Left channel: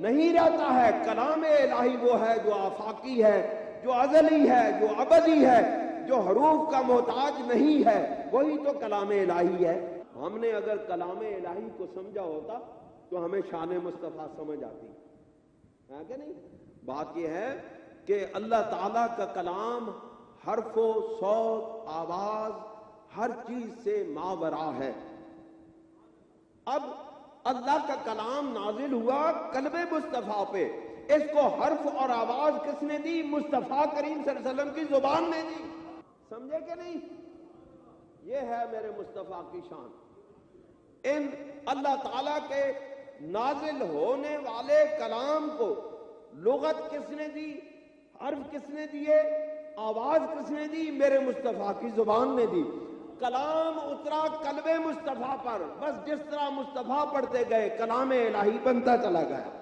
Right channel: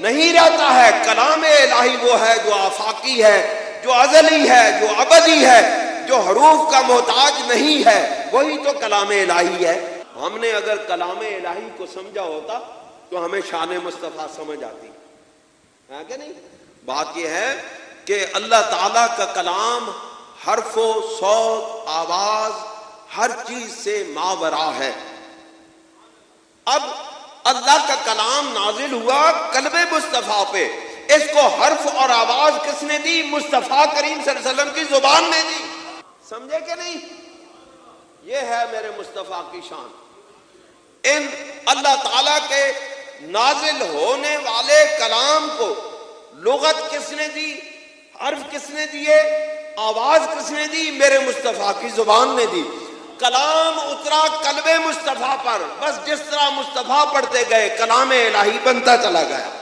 नहीं रहता है। कलाम इलाही वो है जो आफाकी है, जो अजली है, जो अबदी है, जो हरूफ का मोहताज नहीं है, वही तो कलाम इलाही है। हमने अगर कलाम इलाही को समझा होता तो हमें शान मुस्तफ़ा समझ आती है कि नहीं। बात यह है कि अल्लाह ताला का कलाम हर्फो सौत आवाज हर चीज से मावरा है। अब अल्लाह का कलाम नाजिल हुआ कल्बे मुस्तफ़ा पे, इसको हर्फ और आवाज किसने दी? मुस्तफ़ा करीम सल्लल्लाहु अलैहि वसल्लम की जुबान में दी। समझे कि नहीं? ये है मेरे मुस्तफ़ा की शान। इन अल्लाह ताला के नाजिल होने वाले कलाम को लुगत किसने दी? हर्फ किसने दिए? आवाज किसने दी? मेरे मुस्तफ़ा की जुबान ने दी। कलाम उतरा कल्बे मुस्तफ़ा पर, बस जिस तरह मुस्तफ़ा पढ़ते गए कलाम इलाही बनता चला गया।